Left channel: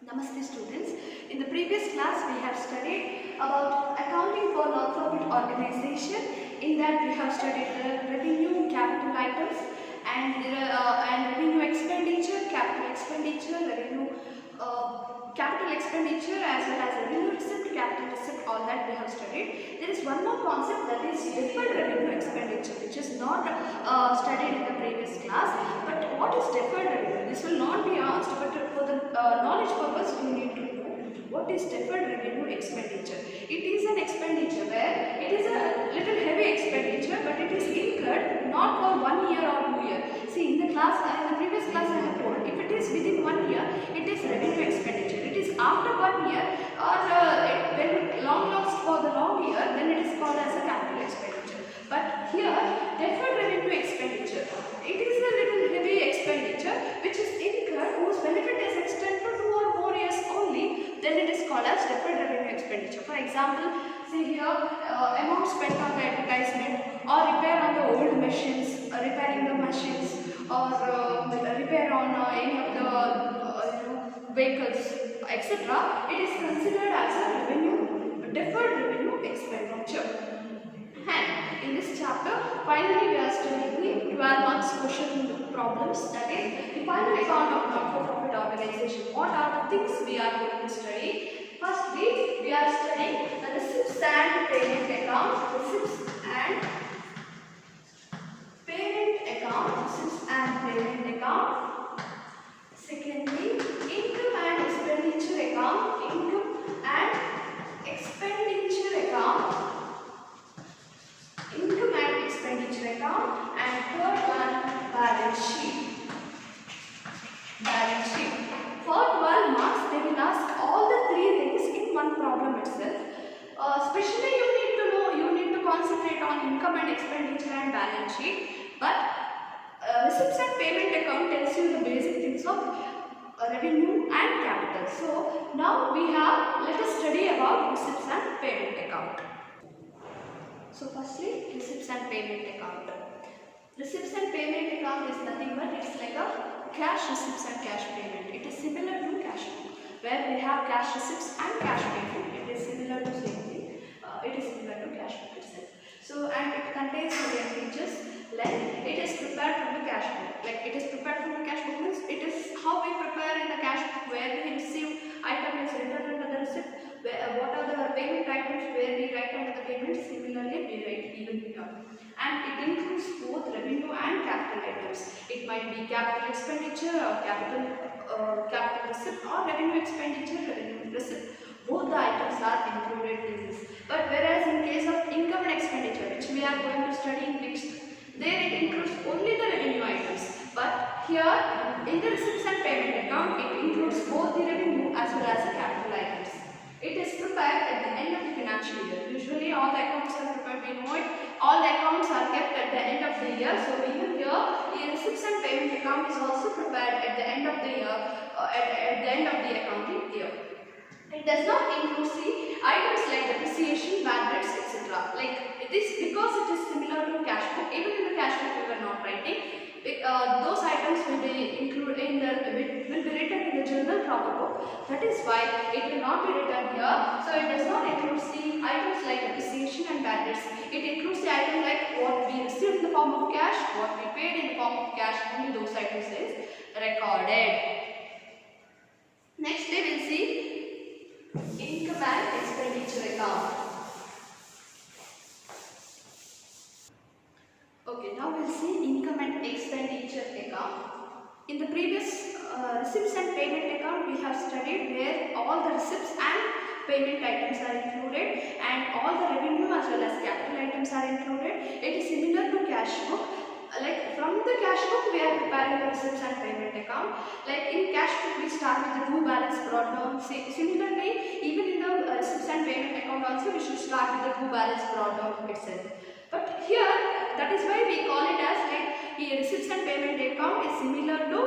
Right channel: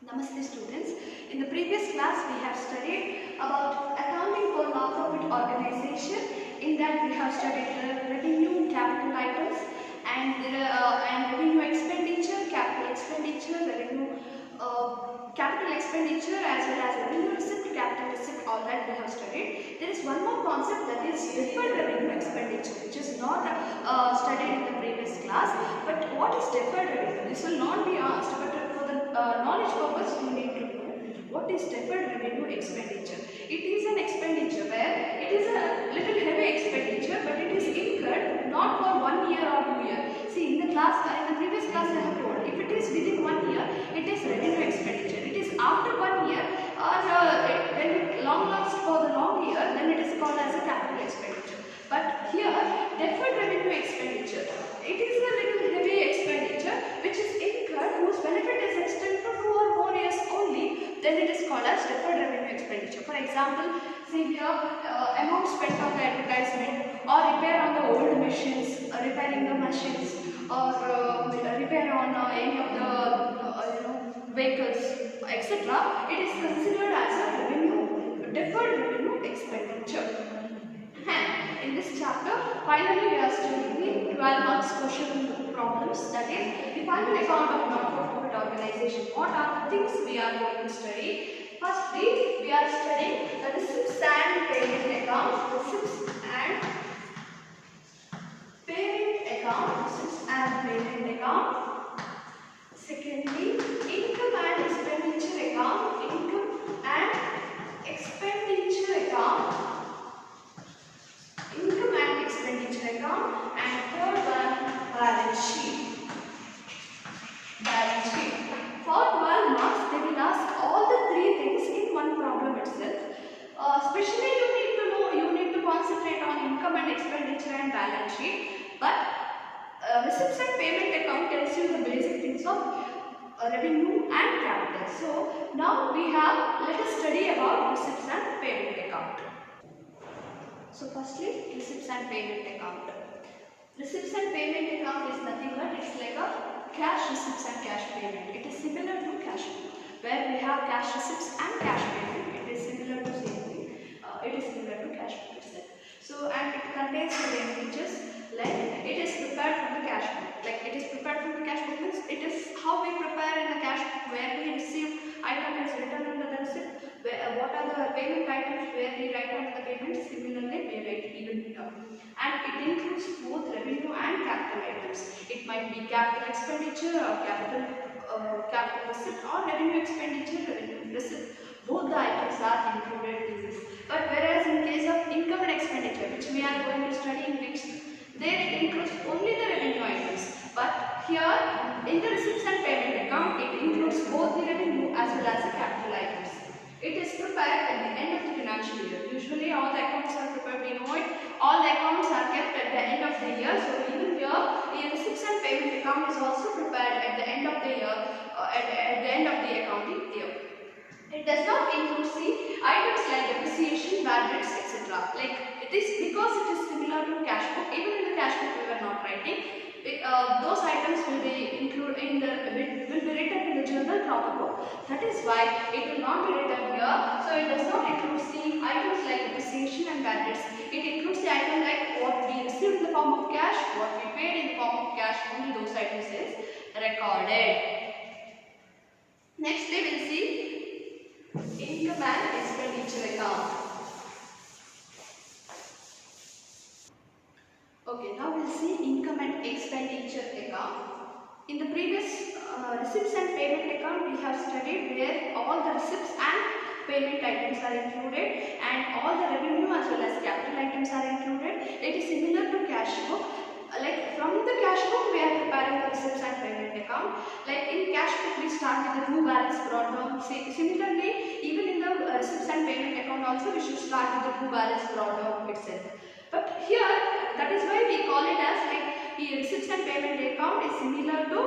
Namaste students. In the previous class we have studied about accounting for non-profit organization. In that we have studied the revenue, capital items and revenue expenditure, capital expenditure as well as revenue receipt, capital receipt, all that we have studied. There is one more concept, that is deferred revenue expenditure, which is not studied in the previous class. But what is deferred revenue? This will not be asked, but for the knowledge purpose we need to know what is deferred revenue expenditure. It is an expenditure where it is a little heavy expenditure, but it is incurred not for 1 year or 2 years. See, in the previous class I have told, if it is within 1 year, it is revenue expenditure. It is after 1 year or when it long lasts for the long year, then it is called as a capital expenditure. But here, deferred revenue expenditure, it is a little heavy expenditure which is incurred whose benefit is extended to 2 or more years only, then it is called as deferred revenue expenditure. For example, see here, amount spent on the advertisement or repair on the old machines, repairing the machines, or repair on any of the vehicles, etc. It is considered as a deferred revenue expenditure. And in this chapter, finally we are studying the 12 marks question problems, that is the final account of not-for-profit organization. What are the things we are going to study? Firstly, we are studying the receipts and payment account, receipts and payment account, receipts and payment account. Secondly, income and expenditure account, income and expenditure account, income and expenditure account, and third one, balance sheet. Balance sheet. For 12 marks, they will ask all the three things in one problem itself. Especially you need to concentrate on income and expenditure and balance sheet. But receipts and payment account tells you the basic things of revenue and capital. So now let us study about receipts and payment account. So firstly, receipts and payment account. Receipts and payment account is nothing but it's like a cash receipts and cash payment. It is similar to cash book, where we have cash receipts and cash payment. It is similar to same thing. It is similar to cash book itself. So, and it contains the linkages like it is prepared from the cash book. Like it is prepared from the cash book means it is how we prepare in the cash book, where we receive item is written under the receipt. What are the payment items where we write under the payment, similarly we write even here. And it includes both revenue and capital items. It might be capital expenditure or capital receipt, or revenue expenditure, revenue receipt. Both the items are included in this. But whereas in case of income and expenditure, which we are going to study in next, there it includes only the revenue items. But here in the receipts and payment account, it includes both the revenue as well as the capital items. It is prepared at the end of the financial year. Usually all the accounts are prepared, we know it. All the accounts are kept at the end of the year. So even here, the receipts and payment account is also prepared at the end of the year, at the end of the accounting year. It does not include the items like depreciation, bad debts, etc. Like this, because it is similar to cash book. Even in the cash book we were not writing. Those items will be included in will be written in the general profit book. That is why it will not be written here. So it does not include the items like depreciation and bad debts. It includes the item like what we received in the form of cash, what we paid in the form of cash. Only those items is recorded. Next we will see income and expenditure account. Okay, now we'll see income and expenditure account. In the previous receipts and payment account, we have studied where all the receipts and payment items are included and all the revenue as well as capital items are included. It is similar to cash book. Like from the cash book, we are preparing the receipts and payment account. Like in cash book, we start with the true balance brought down. Similarly, even in the receipts and payment account also, we should start with the true balance brought down itself. But here, that is why we call it as like the receipts and payment account is similar to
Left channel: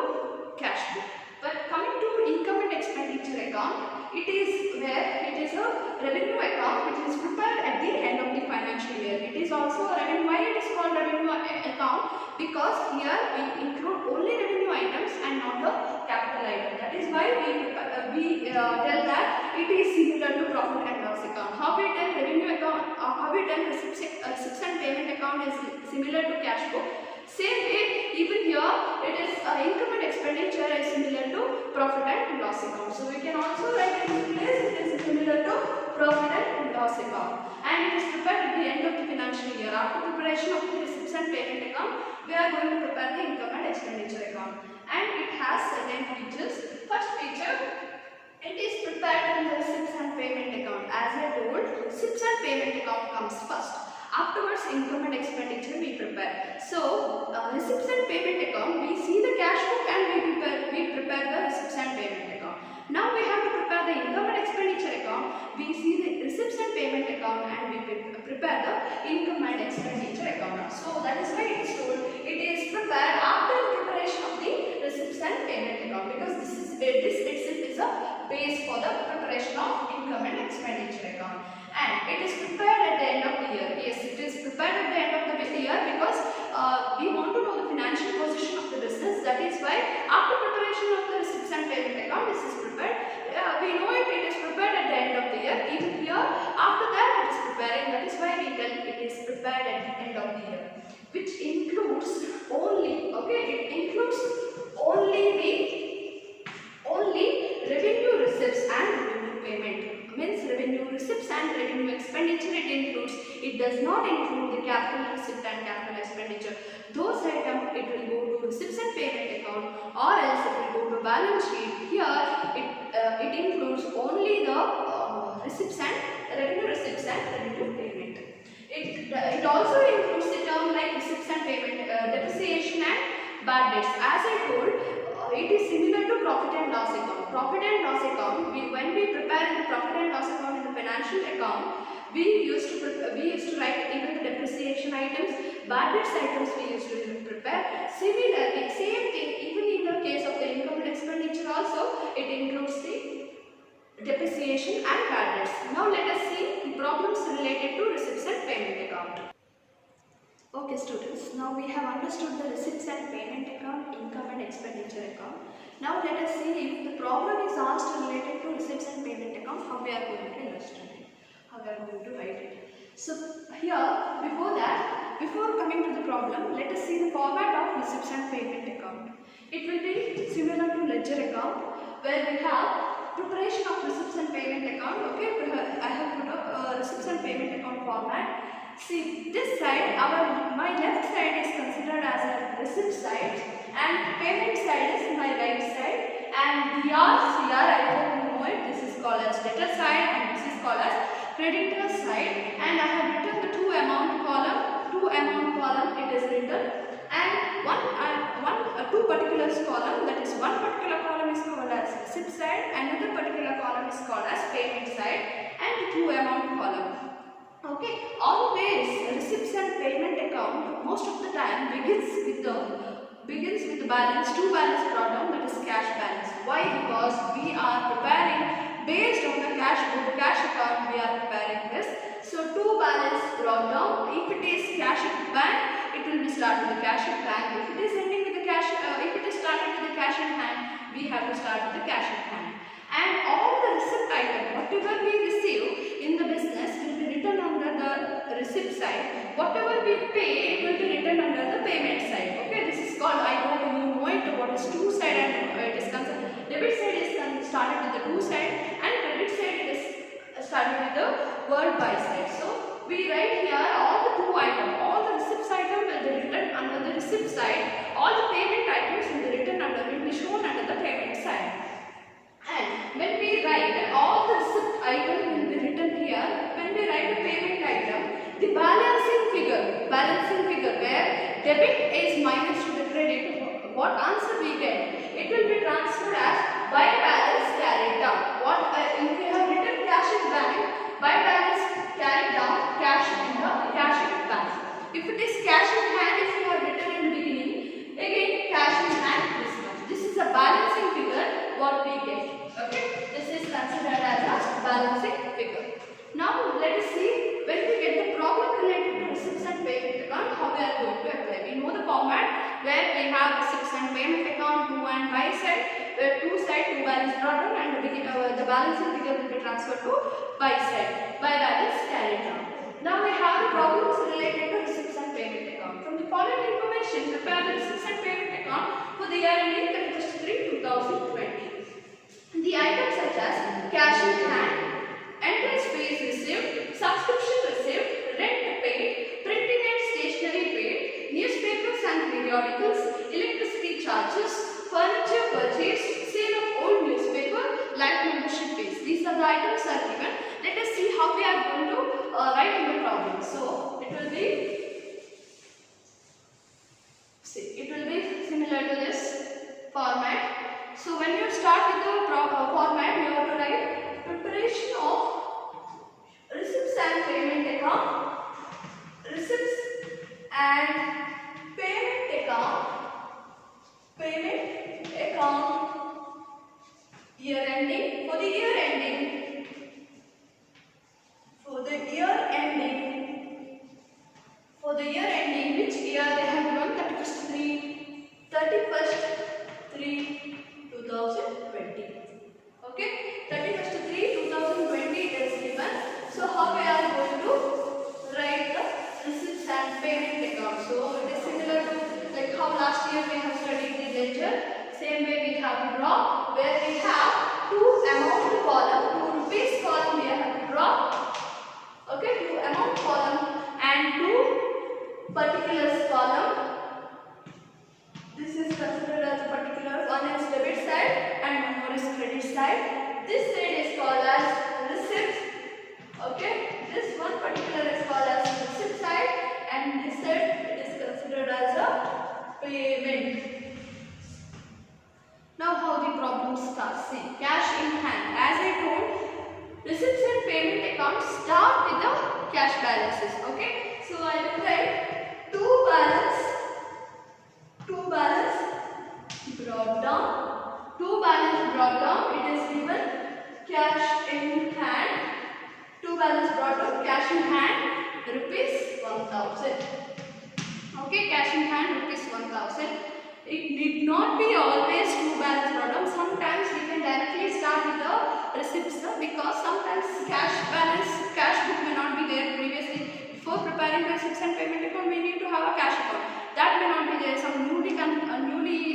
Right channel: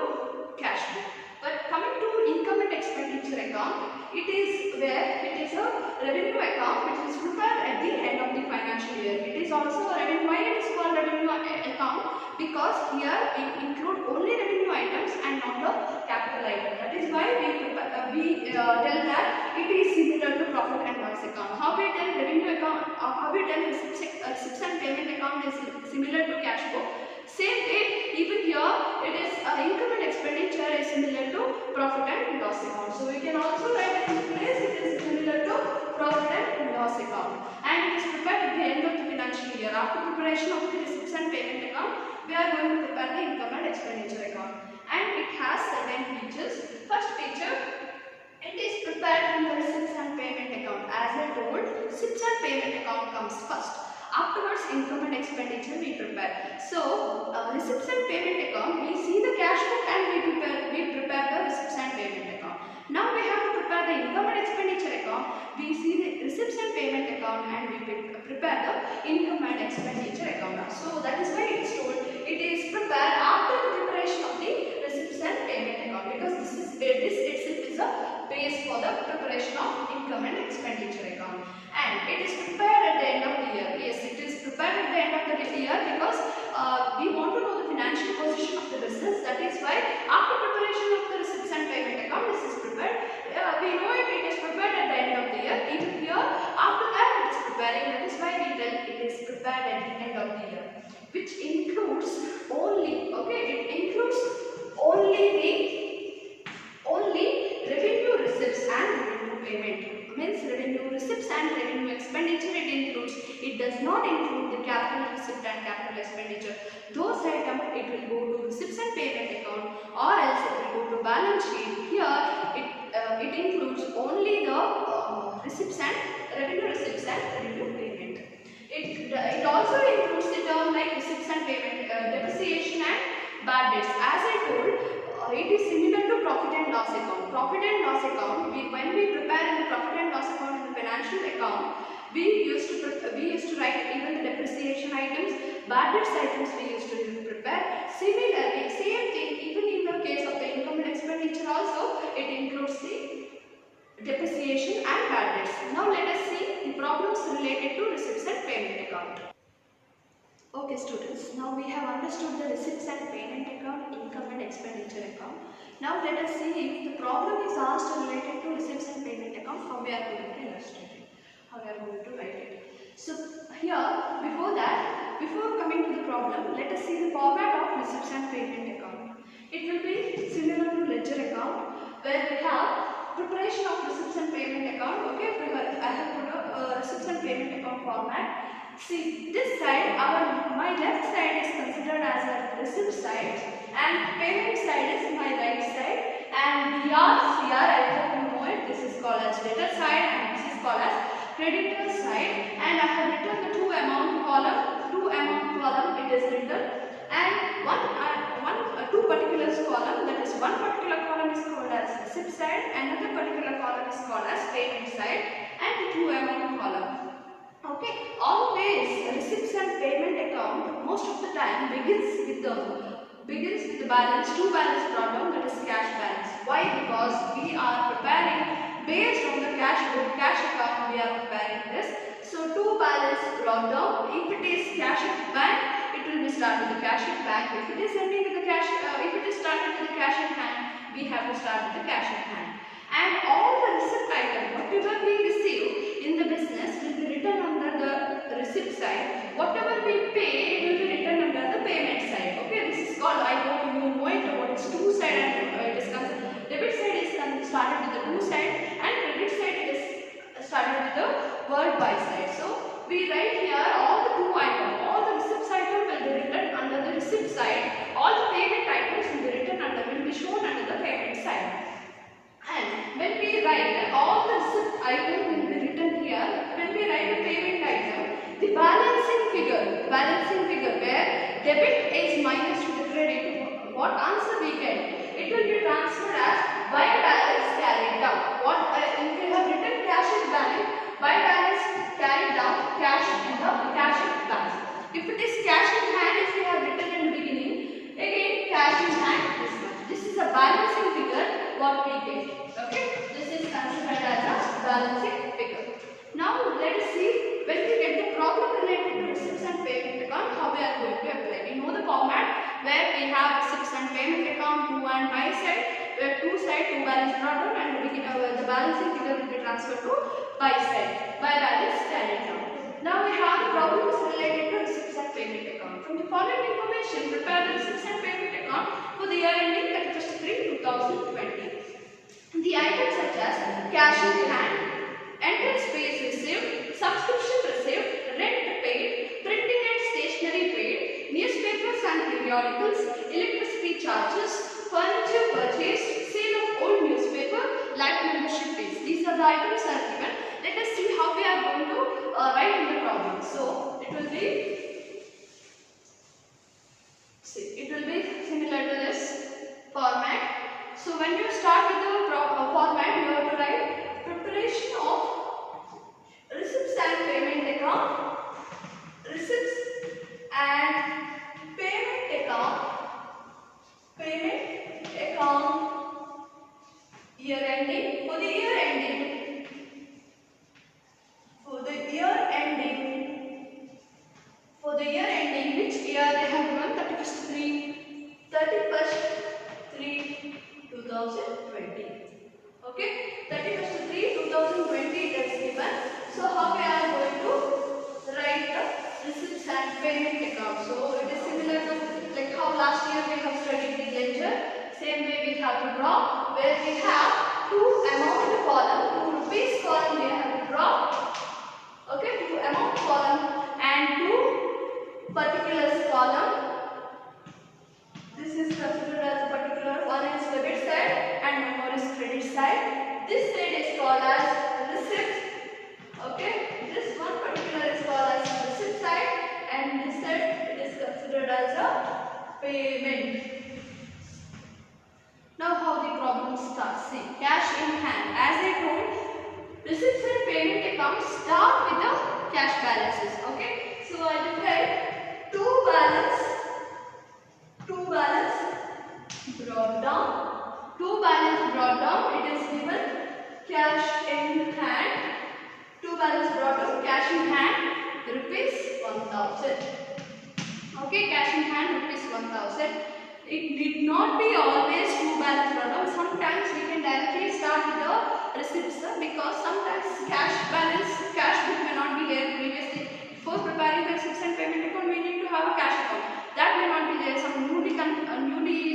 cash book. But coming to income and expenditure account, it is where it is a revenue account which is prepared at the end of the financial year. It is also a revenue. Why it is called revenue account? Because here we include only revenue items and not the capital item. That is why we tell that it is similar to profit and loss account. How we tell revenue account, how we tell receipts and payment account is similar to cash book. Same way, even here it is income and expenditure is similar to profit and loss account. So we can also write in this place it is similar to profit and loss account, and it is prepared at the end of the financial year. After preparation of the receipts and payment account, we are going to prepare the income and expenditure account, and it has certain features. First feature, it is prepared in the receipts and payment account. As I told, receipts and payment account comes first. Afterwards, income and expenditure we prepare. So, receipts and payment account, we see the cash book and we prepare the receipts and payment account. Now we have to prepare the income and expenditure account. We see the receipts and payment account and we prepare the income and expenditure account. So that is why it is told it is prepared after the preparation of the receipts and payment account, because this itself is a base for the preparation of income and expenditure account, and it is prepared at the end of the year. Yes, it is prepared at the end of the year because we want to know the financial position of the business. That is why after preparation of the receipts and payment account, this is prepared. We know it is prepared at the end of the year. Even here, after that it is preparing. That is why we tell it is prepared at the end of the year, which includes only, okay, it includes only revenue receipts and revenue payment. Means revenue receipts and revenue expenditure it includes. It does not include the capital receipt and capital expenditure. Those items it will go to receipts and payment account, or else it will go to balance sheet. Here it includes only the receipts and revenue receipts and revenue payment. It also includes the term like receipts and payment, depreciation and bad debts. As I told, it is similar to profit and loss account. Profit and loss account, when we prepare in the profit and loss account in the financial account, we used to write even the depreciation items, bad debts items we used to prepare. Similarly, same thing, even in the case of the income and expenditure also, it includes the depreciation and bad debts. Now let us see the problems related to receipts and payment account. Okay students, now we have understood the receipts and payment account, income and expenditure account. Now let us see if the problem is asked related to receipts and payment account, how we are going to illustrate it, how we are going to write it. So here, before coming to the problem, let us see the format of receipts and payment account. It will be similar to ledger account, where we have preparation of receipts and payment account. Okay, I have put receipts and payment account format. See, this side, my left side is considered as a receipt side and payment side is my right side, and here I hope you know it, this is called as debtor side and this is called as creditor side, and I have written the two amount column it is written, and two particulars column, that is one particular column is called as receipt side, another particular column is called as payment side, and the two amount column. Okay, always receipts and payment account most of the time begins with the balance, two balance problem, that is cash balance. Why? Because we are preparing based on the cash book, cash account we are preparing this. So two balance brought down. If it is cash at bank, it will be start with the cash at bank. If it is ending with the cash, if it is started with the cash at hand, we have to start with the cash at hand. And all the receipt item, whatever we receive in the business will be written under the receipt side. Whatever we pay will be written under the payment side. Okay, this is called, I hope you know it, what is two side and it is considered. Debit side is started with the two side and credit side it is started with the word by side. So we write here all the two items, all the receipt item will be written under the receipt side, all the payment items will be shown under the payment side. And when we write all the receipt item will be written here. When we write the payment item, the balancing figure where debit is minus to the credit, what answer we get? It will be transferred as by balance carried down. If we have written cash in bank, by balance carried down, cash in the cash in bank. If it is cash in hand, if we have written in the beginning, again cash in hand this much. This is a balancing figure what we get. Okay, this is considered as a balancing figure. Now let us see when we get the problem related to receipts and payment account, how we are going to apply. You know the format where we have receipts and payment account 2 and 5 side, to side 2 balance brought down, and the balancing figure will be transferred to by side. By balance carried down. Now we have the problems related to receipts and payment account. From the following information, prepare the receipts and payment account for the year ending 31st-3/2020. The items such as cash in hand, entrance fees received, subscription received, rent paid, printing and stationery paid, newspapers and periodicals, electricity charges, furniture purchased, sale of old newspaper, life membership fees. These are the items that are given. Let us see how we are going to write in the problem. So it will be similar to this format. So when you start with the format, you have to write preparation of receipts and payment account, receipts and payment account, year ending, for the year ending, which year they have given 31st-3/2020. Okay, 31st-3/2020 it is given. So how we are going to write the receipts and payment account? So it is similar to like how last year we have studied the ledger. Same way we have to draw, where we have two amount column, two rupees column we have to draw. Okay, two amount column and two particulars column. This is considered as a particular. One is debit side and one more is credit side. This side is called as receipt. Okay, this one particular is called as receipt side, and this side is considered as a payment. Now how the problem starts. See, cash in hand. As I told, receipts and payment accounts start with the cash balances. Okay, so I will write two balance brought down. It is given cash in hand. Two balance brought down, cash in hand, rupees 1000. Okay, cash in hand, rupees 1000. It need not be always two balance brought down. Sometimes we can directly start with the receipts, because sometimes cash book may not be there previously. Before preparing the receipts and payment account, we need to have a cash account. That may not be there. Some newly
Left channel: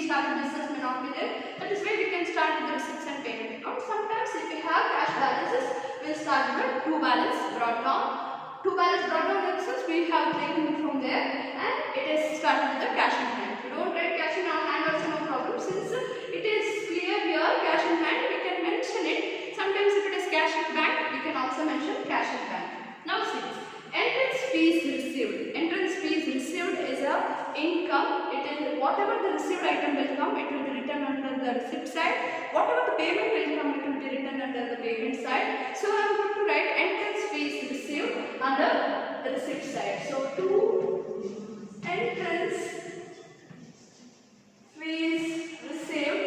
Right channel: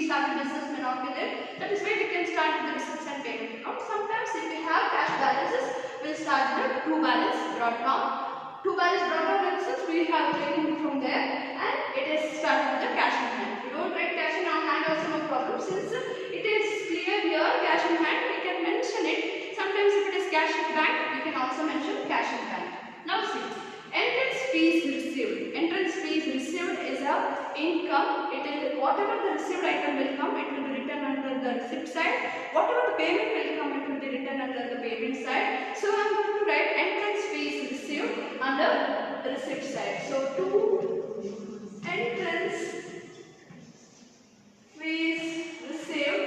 started business may not be there. That is why we can start with the receipts and payment account. Sometimes if we have cash balances, we will start with the two balance brought down. Two balance brought down instance, we have taken it from there, and it is started with the cash in hand. If you don't write cash in hand also no problem. Since it is clear here cash in hand, we can mention it. Sometimes if it is cash in bank, we can also mention cash in bank. Now see, entrance fees received. Entrance fees received is a income. It is whatever the received item will come, it will be written under the receipt side. Whatever the payment will come, it will be written under the payment side. So I am going to write entrance fees received under the receipt side. So two entrance fees received,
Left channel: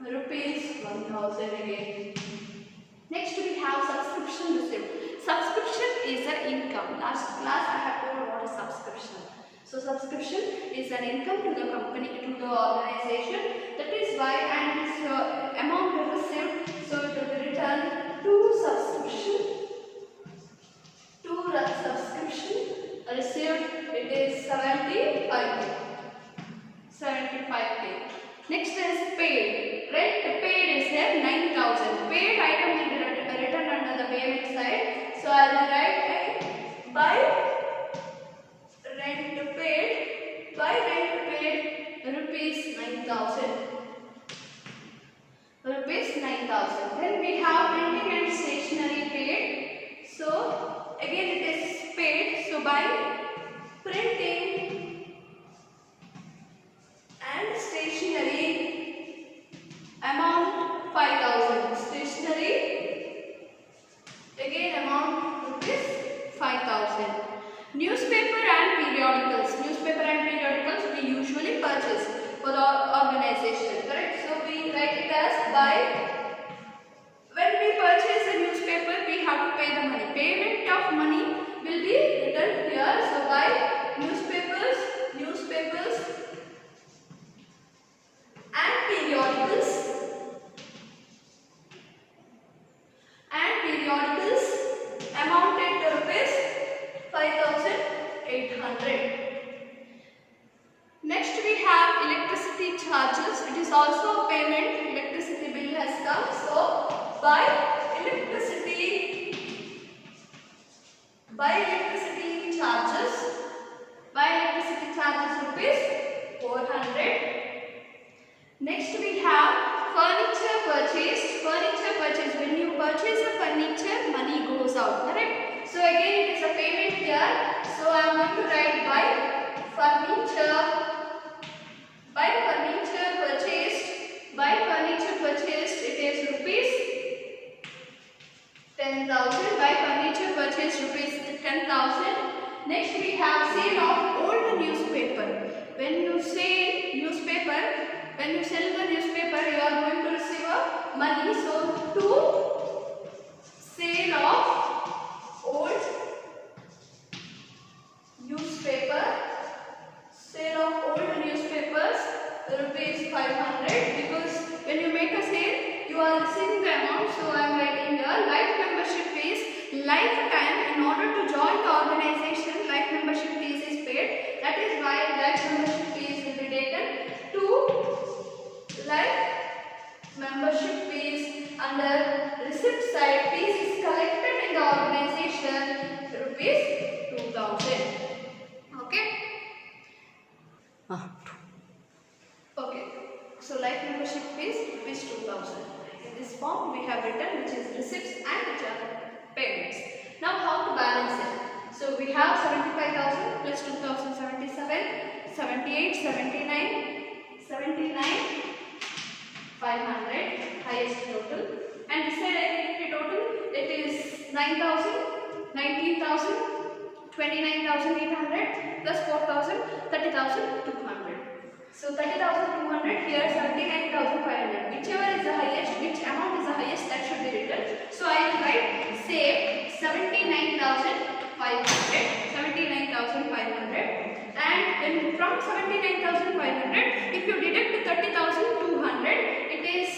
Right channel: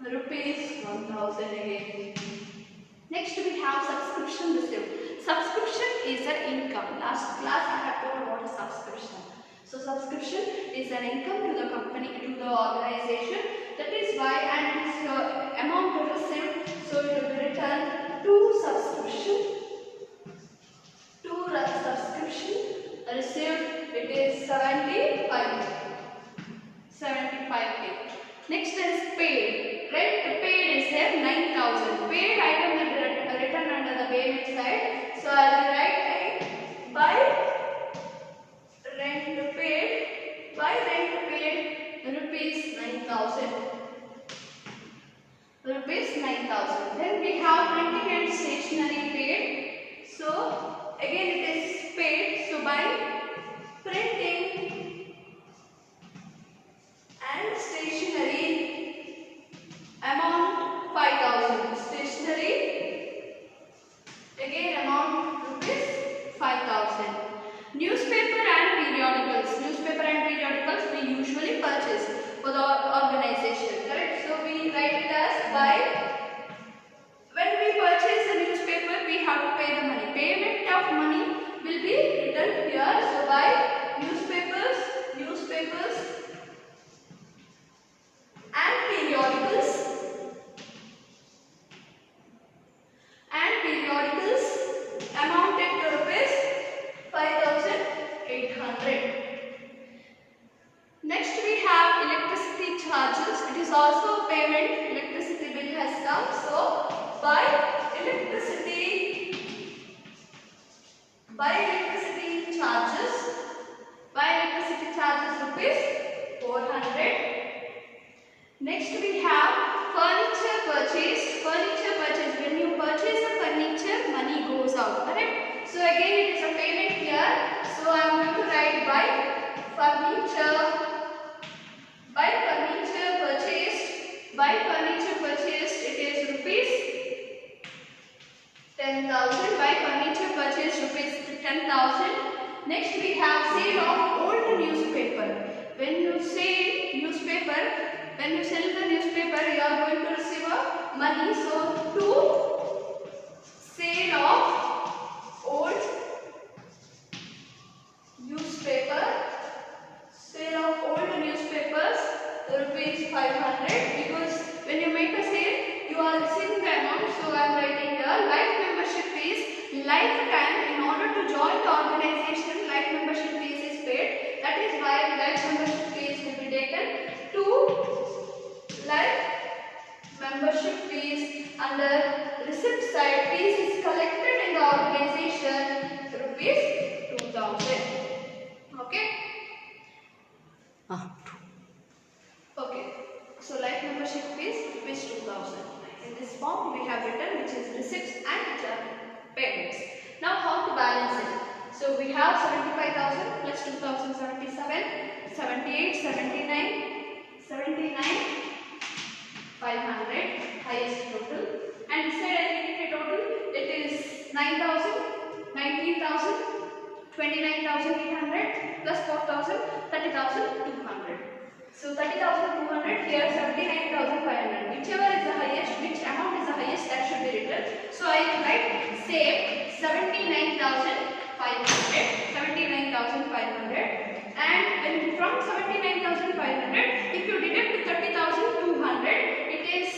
rupees 1000 again. Next we have subscription received. Subscription is an income. Last class I have told what is subscription. So subscription is an income to the company, to the organization. That is why, and this amount received, so it will be written to subscription received. It is 75k. Next is paid. Rent paid is here 9,000. Paid item will be written under the payment side. So I will write by rent paid rupees 9,000. Then we have printing and stationery paid. So again it is paid. So by printing and stationery amount 5,000. Stationery again amount rupees 5,000. Newspaper and periodicals we usually purchase for the organization, correct? So we write it as by. When we purchase a newspaper, we have to pay the money. Payment of money will be written here. So by newspapers of payment, electricity bill has come. So by electricity charges rupees 400. Next we have furniture purchased. Furniture purchase, when you purchase a furniture, money goes out, correct? So again it is a payment here. So I am going to write by furniture purchased it is rupees 10,000. By furniture purchased rupees 10,000. Next we have sale of old newspaper. When you sell the newspaper, you are going to receive a money. So to sale of old newspapers rupees 500, because when you make a sale you are receiving the amount. So I am writing here life membership fees, lifetime. In order to join the organization, life membership fees is paid. That is why life membership fees will be taken to life membership fees. Under receipt side, fees is collected in the organization rupees 2,000. Okay. Okay. So life membership fees rupees 2,000. In this form we have written, which is receipts and which are payments. Now how to balance it? So we have 75,000 plus 2,000, 77, 78, 79, 500, highest total. And beside identity total, it is 9,000, 19,000, 29,800 plus 4,000, 30,200. So 30,200, here 79,500. Whichever is the highest, which amount is the highest, that should be written. So I will write say 79,500, and then from 79,500, if you deduct 30,200, it is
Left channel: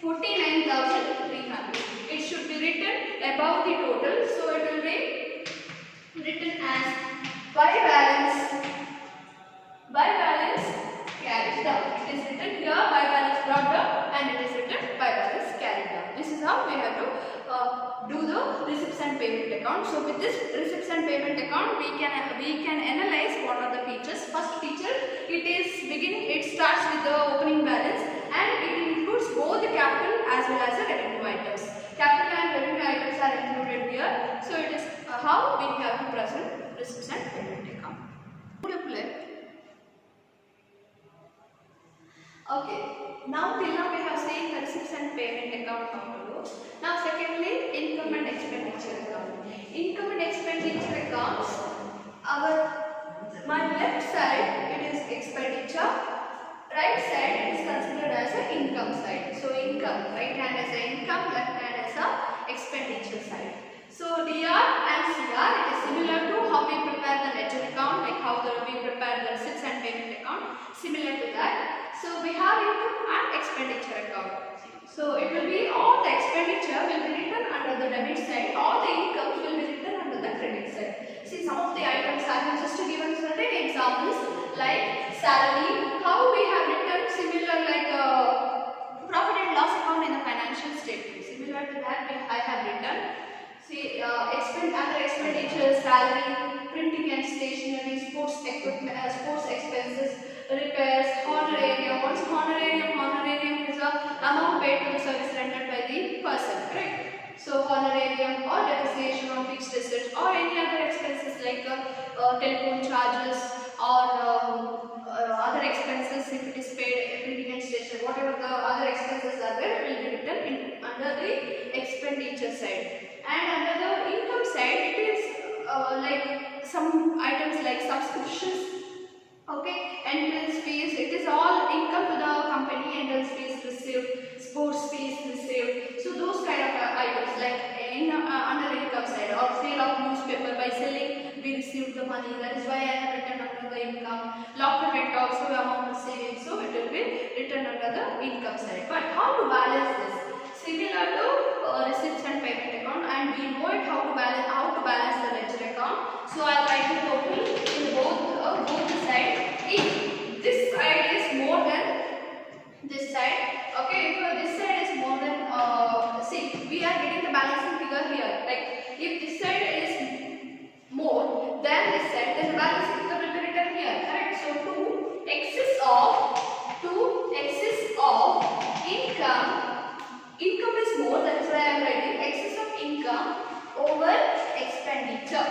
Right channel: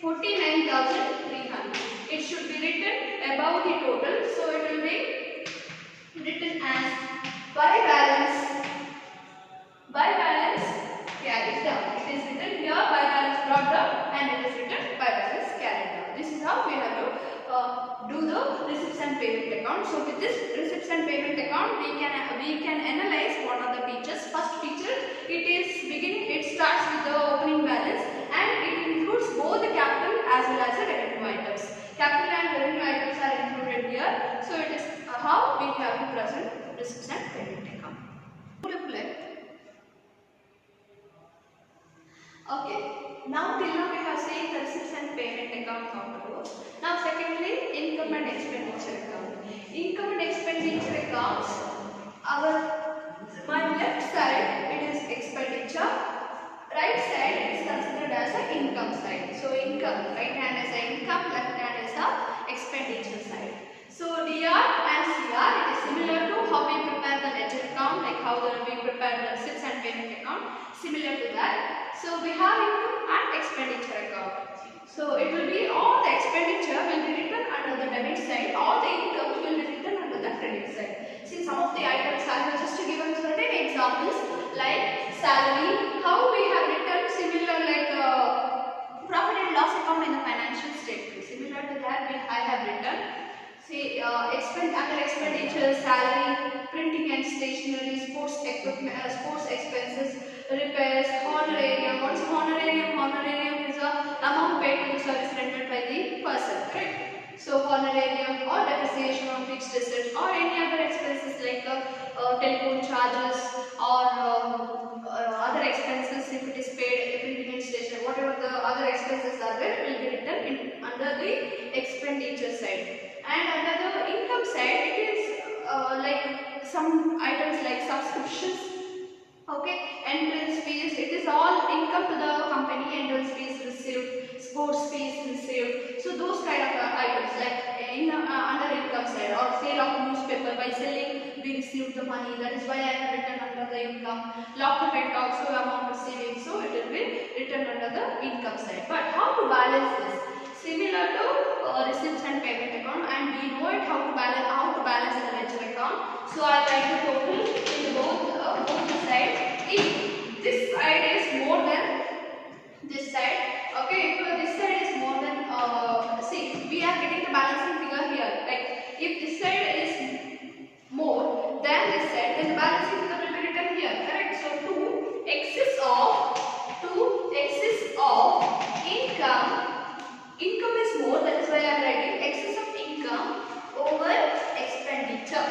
49,300. It should be written above the total. So it will be written as by balance carried down. It is written here by balance brought down, and it is written by balance carried down. This is how we have to do the receipts and payment account. So with this receipts and payment account, we can analyze what are the features. First feature, it starts with the opening balance, and it includes both the capital as well as the revenue items. Capital and revenue items are included here. So it is how we have to present receipts and payment account. Okay, now till now we have seen the receipts and payment account how to do. Now secondly, income and expenditure account. Income and expenditure accounts, my left side it is expenditure, right side it is considered as an income side. So income, right hand as an income, left hand as a expenditure side. So DR and CR, it is similar to how we prepare the ledger account, like how we prepare the receipts and payment account, similar to that. So we have income and expenditure account. So it will be all the expenditure will be written under the debit side, all the incomes will be written under the credit side. See, some of the items I have just given certain examples like salary, how we have written similar like profit and loss account in the financial statement. Similar to that I have written. See, under expenditure, salary, printing and stationery, sports equipment, sports expenses, repairs, honorarium. What is honorarium? Honorarium is the amount paid to the service rendered by the person, correct? So honorarium or depreciation on fixed assets or any other expenses like telephone charges or other expenses, if it is paid, printing and stationery, whatever the other expenses are there will be written under the expenditure side. And under the income side, it is like some items like subscriptions, okay, entrance fees, it is all income to the company, entrance fees received, sports fees received. So those kind of items like under income side, or sale of newspaper, by selling we received the money, that is why I have written under the income. Locker rent also amount of savings, so it will be written under the income side. But how to balance this? Similar to receipts and payment account, and we know it how to balance the ledger account. So I write the total in both the side. If this side is more than this side. Okay, if this side is more than see, we are getting the balancing figure here. Like if this side is more than this side, then the balancing figure will be written here. Correct? So 2 excess of income. Income is more, that is why I am writing excess of income over expenditure.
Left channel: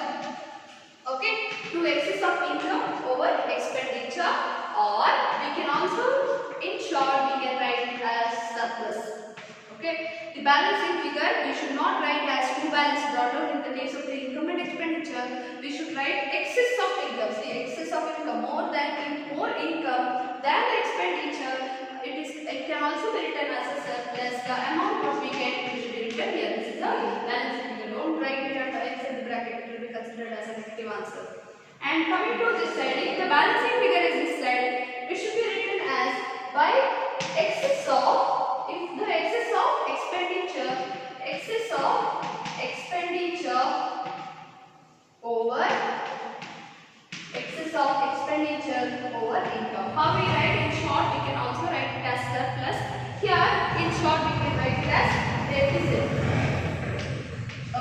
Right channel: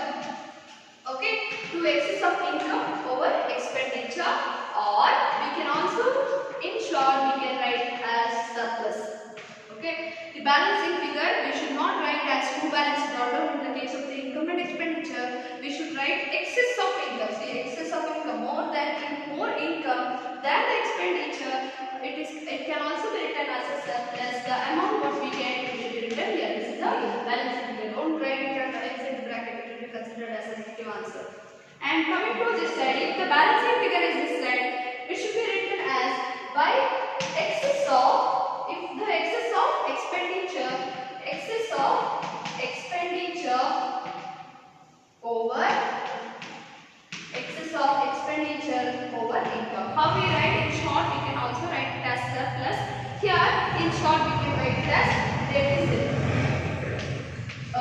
Okay, 2 excess of income over expenditure, or we can also, in short, we can write as surplus. Okay, the balancing figure we should not write as 2 balanced product in the case of the income and expenditure. We should write excess of income. See, excess of income, more income than the expenditure. It can also be written as a surplus. The amount what we get should be written here. This is a balancing figure. Don't write it inside the bracket. It will be considered as a negative answer. And coming to this side, if the balancing figure is this side, it should be written as by excess of, if the excess of expenditure over income. How we write? In short, we can also write it as surplus. Here, in short, we can write it as deficit.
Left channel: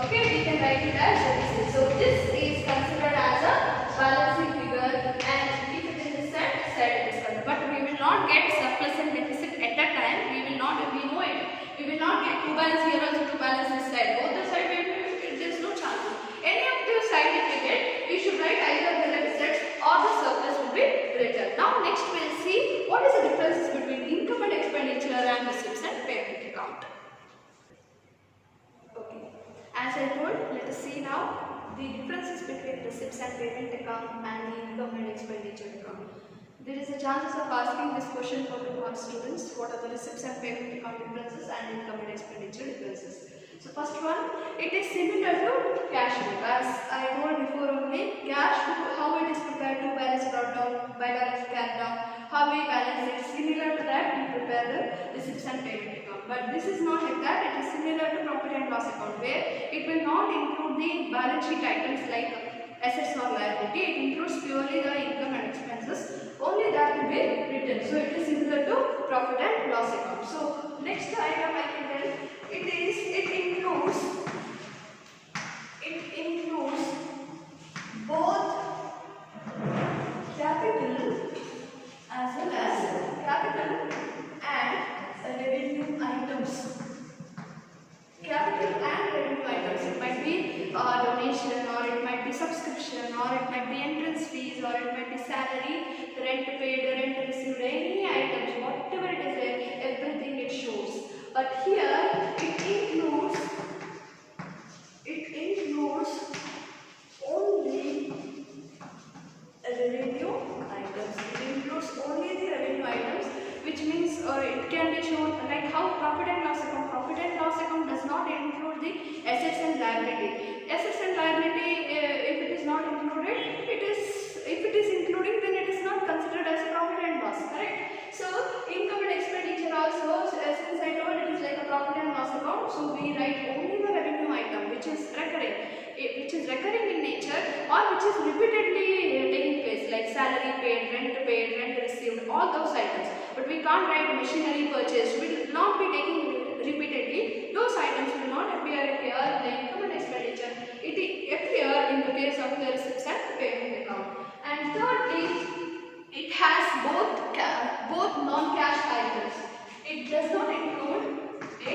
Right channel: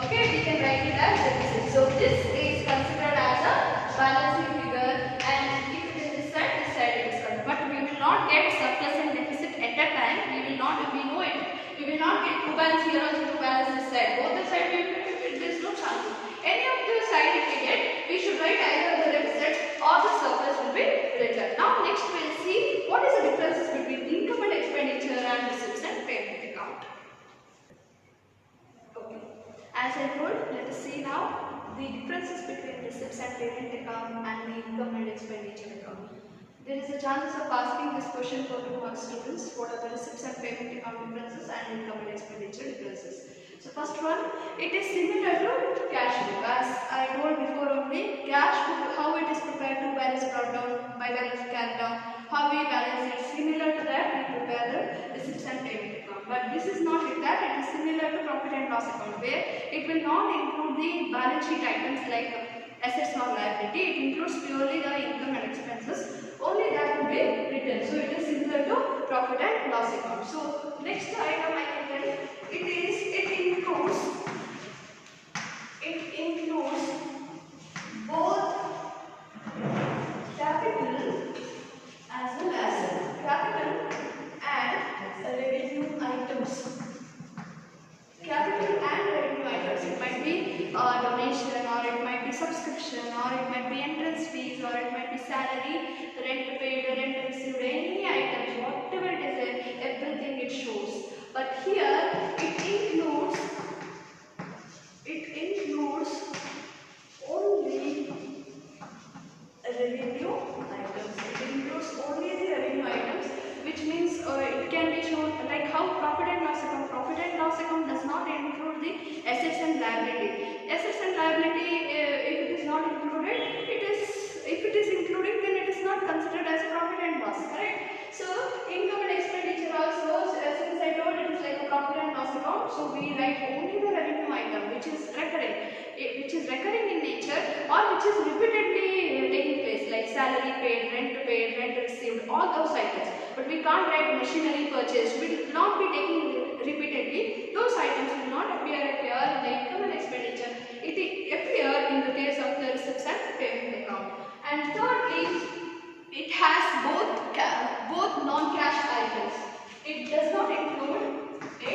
Okay, we can write it as deficit. So this is considered as a balancing figure, and if it is this side it is considered. But we will not get surplus and deficit at a time. We know it. We will not get 2 balance here also to balance this side. Both the side there is no chance. Any of the side if we get, we should write either the deficit or the surplus will be written. Now next we will see what is the differences between income and expenditure and receipts and payment account. Okay, as I told, let us see now the differences between receipts and payment account and the income and expenditure account. There is a chance of asking this question for 2 mark students. What are the receipts and payment account differences and income and expenditure differences? So first one, it is similar to cash book. As I told before only, cash book, how it is prepared, to balance brought down, by balance carried down, how we balance it, similar to that we prepare the receipts and payment account. But this is not like that, it is similar to profit and loss account, where it will not include the balance sheet items like assets or liability. It includes purely the income and expenses. Only that will be written. So it is similar to profit and loss account. So next item I can tell, it includes both capital as well as capital and revenue items. Capital and revenue items. It might be donation, or it might be subscription, or it might be entrance fees, or it might be salary, rent paid, rent received, any items, whatever it is, everything it shows. But here it includes only revenue items. It includes only the revenue items, which means it can be shown like how profit and loss account. Profit and loss account does not include the assets and liability. Assets and liability, if it is not included, if it is including, then it is not considered as profit and loss. Correct? So income and expenditure also, since I told it is like a profit and loss account, so we write only the revenue item which is recurring in nature, or which is repeatedly taking place, like salary paid, rent received, all those items. But we can't write machinery purchased. We will not be taking repeatedly. Those items will not appear here in the income and expenditure. It appear in the case of the receipts and payment account. And thirdly, it has both non-cash items. It does not include the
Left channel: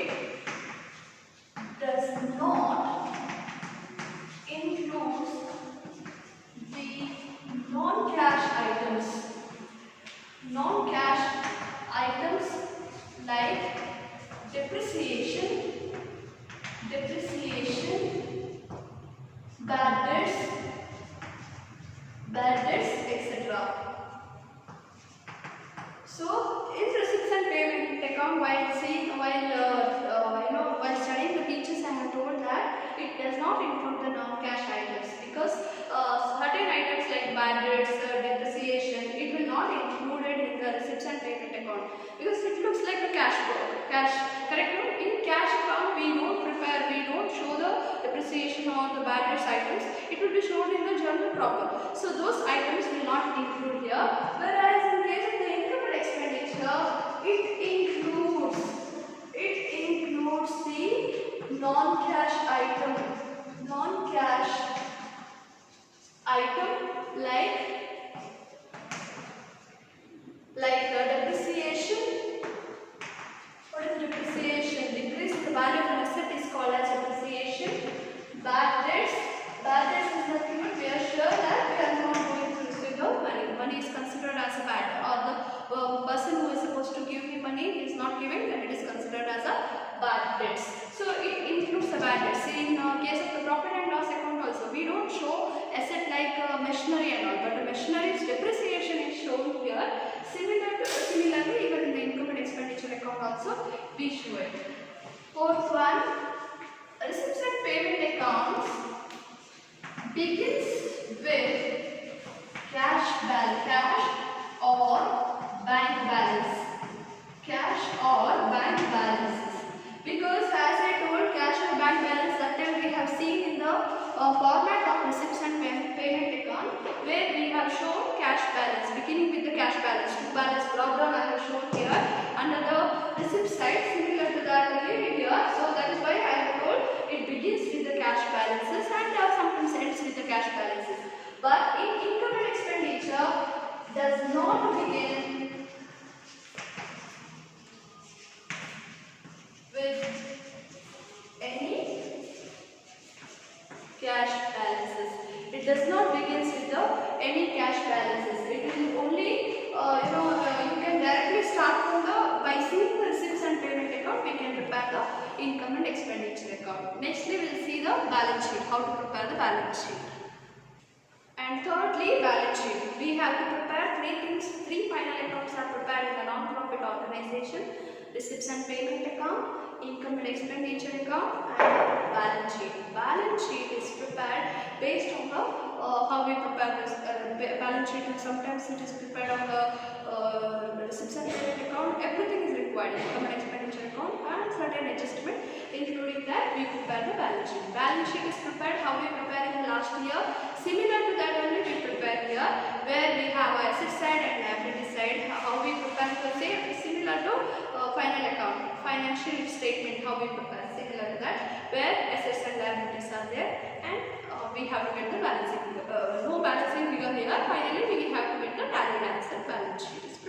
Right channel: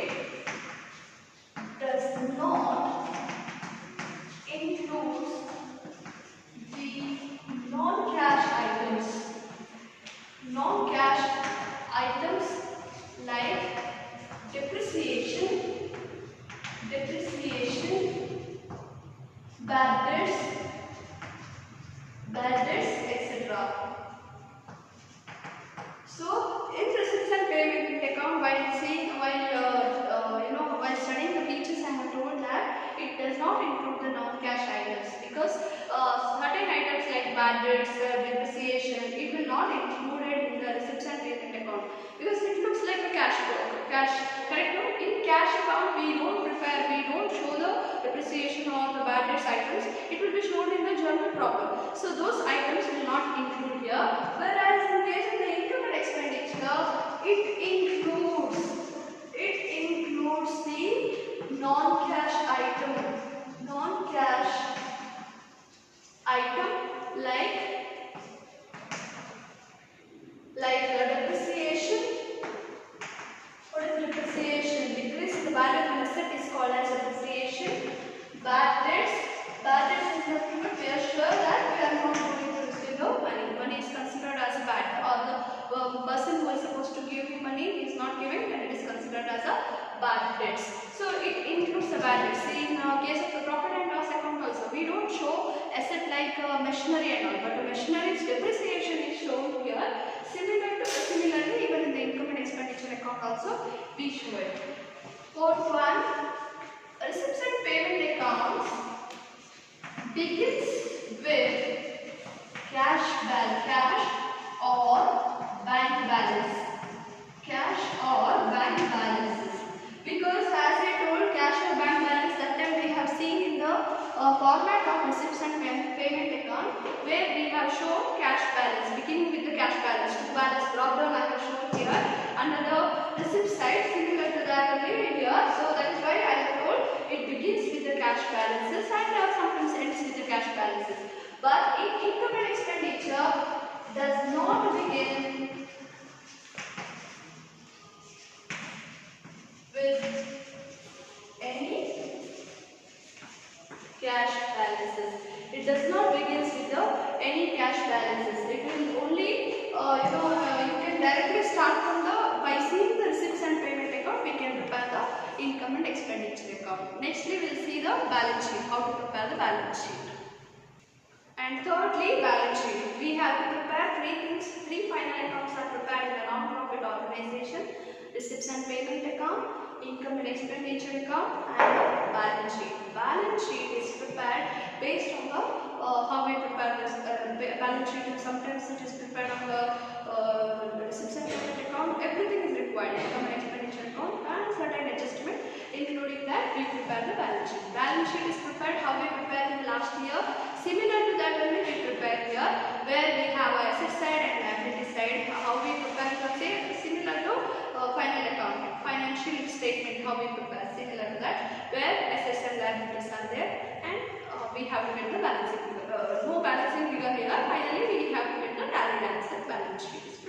non-cash items. Non-cash items like depreciation, bad debts, etc. So, in receipts and payment account, while studying the features, I have told that it does not include the non-cash items, because certain items like bad debts, depreciation, it will not included in the receipts and payment account, because it looks like a cash book. Correct? In cash account, we don't show the depreciation or the bad debts items. It will be shown in the journal proper. So those items will not include here. Whereas in case of the income and expenditure, it includes the non-cash item like depreciation. What is depreciation? Decrease in the value of an asset is called as depreciation. Bad debts is nothing but we are sure that we are not going to receive the money. Money is considered as a bad, or the person who is supposed to give the money is not giving, and it is considered as a bad debts. So it includes the bad debts. In case of the profit and loss account also, we don't show asset like machinery and all, but the machinery's depreciation is shown here. Similarly, even in the income and expenditure account also we show it. Fourth one, receipts and payment accounts begins with cash or bank balance. Because as I told, cash or bank balance, that time we have seen in the format of receipts and payment account, where we have shown cash balance, beginning with the cash balance. To balance drop down I have shown here under the receipt side, similar to that only here. So that is why I have told it begins with the cash balances and sometimes ends with the cash balances. But in income and expenditure does not begin with any cash balances. It does not begin with any cash balances. It will only you can directly start from by seeing the receipts and payment account, we can prepare the income and expenditure account. Next we will see the balance sheet, how to prepare the balance sheet. And thirdly, balance sheet. We have to prepare three things. Three final accounts are prepared in a non-profit organization: receipts and payment account, income and expenditure account, and balance sheet. Balance sheet is prepared based on the how we prepare this balance sheet. Sometimes it is prepared on the receipts and payment account. Everything is required: income and expenditure account and certain adjustment. Including that, we prepare the balance sheet. Balance sheet is prepared how we prepare in the last year. Similar to that only we prepare here, where we have our asset side and liability side. How we prepare the same, similar to final account, financial statement, how we prepare, similar to that, where assets and liabilities are there, and we have to get the balancing figure. No balancing figure here. Finally, we have to get the tally balance. Balance sheet.